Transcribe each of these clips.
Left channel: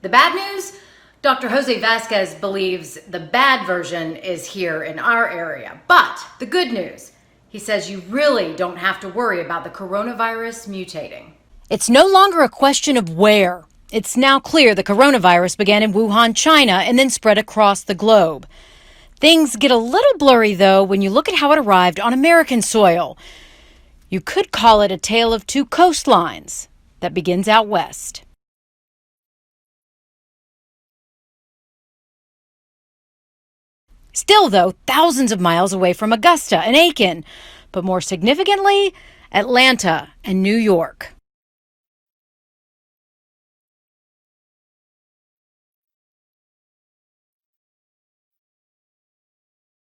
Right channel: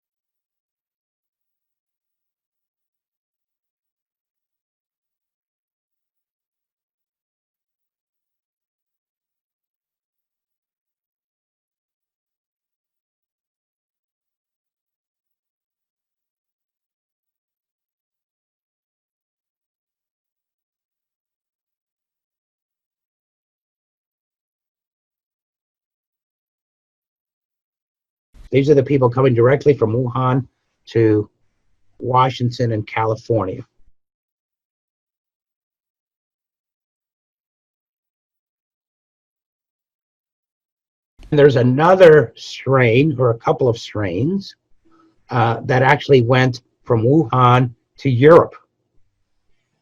The bad news? Dr. Jose Vasquez believes the bad version is here in our area. But the good news, he says you really don't have to worry about the coronavirus mutating. It's no longer a question of where. It's now clear the coronavirus began in Wuhan, China, and then spread across the globe. Things get a little blurry, though, when you look at how it arrived on American soil. You could call it a tale of two coastlines that begins out west. These are the people coming directly from Wuhan to Washington and California. Still, though, thousands of miles away from Augusta and Aiken, but more significantly, Atlanta and New York. There's another strain, or a couple of strains, that actually went from Wuhan to Europe,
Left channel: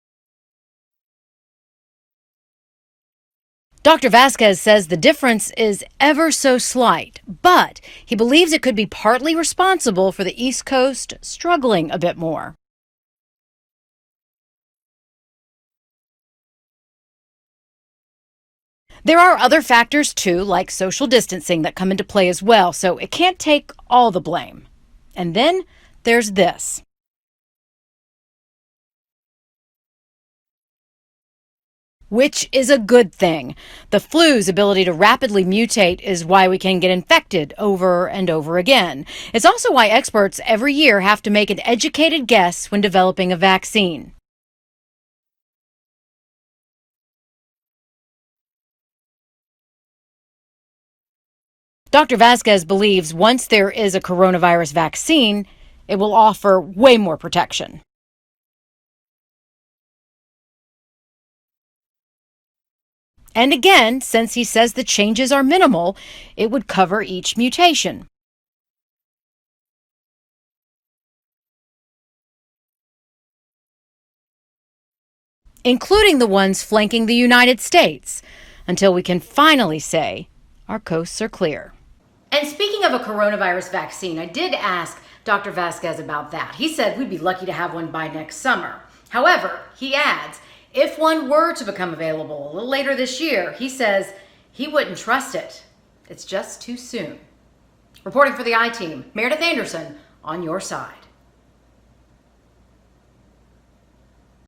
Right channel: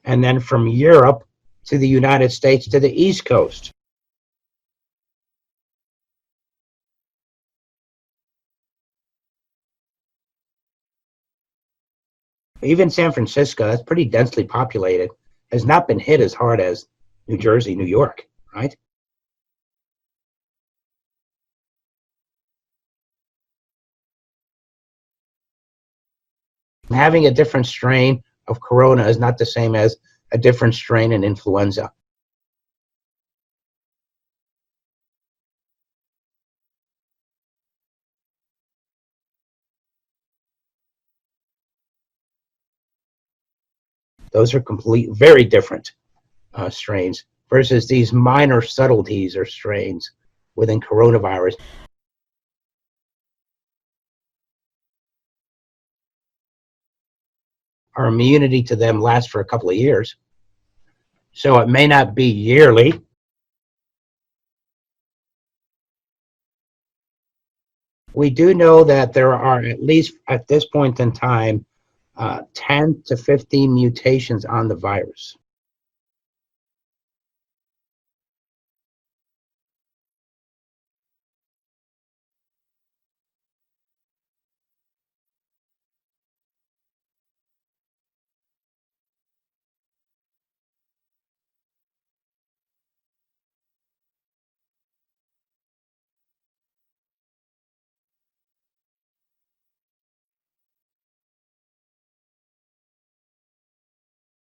and then from Europe to the United States to the East Coast. Dr. Vasquez says the difference is ever so slight, but he believes it could be partly responsible for the East Coast struggling a bit more. Even San Francisco, that's pretty densely populated, has not been hit as hard as New Jersey, New York, right? There are other factors, too, like social distancing that come into play as well, so it can't take all the blame. And then there's this. Having a different strain of corona is not the same as a different strain in influenza. Which is a good thing. The flu's ability to rapidly mutate is why we can get infected over and over again. It's also why experts every year have to make an educated guess when developing a vaccine. Those are very different strains versus these minor subtleties or strains within coronavirus. Dr. Vasquez believes once there is a coronavirus vaccine, it will offer way more protection. Our immunity to them lasts for a couple of years, so it may not be yearly. And again, since he says the changes are minimal, it would cover each mutation. We do know that there are, at least at this point in time, 10 to 15 mutations on the virus, including the ones flanking the United States, until we can finally say our coasts are clear. And speaking of a coronavirus vaccine, I did ask Dr. Vasquez about that. He said we'd be lucky to have one by next summer. However, he adds, if one were to become available a little later this year, he says he wouldn't trust it. It's just too soon. Reporting for the I-Team, Meredith Anderson, on your side.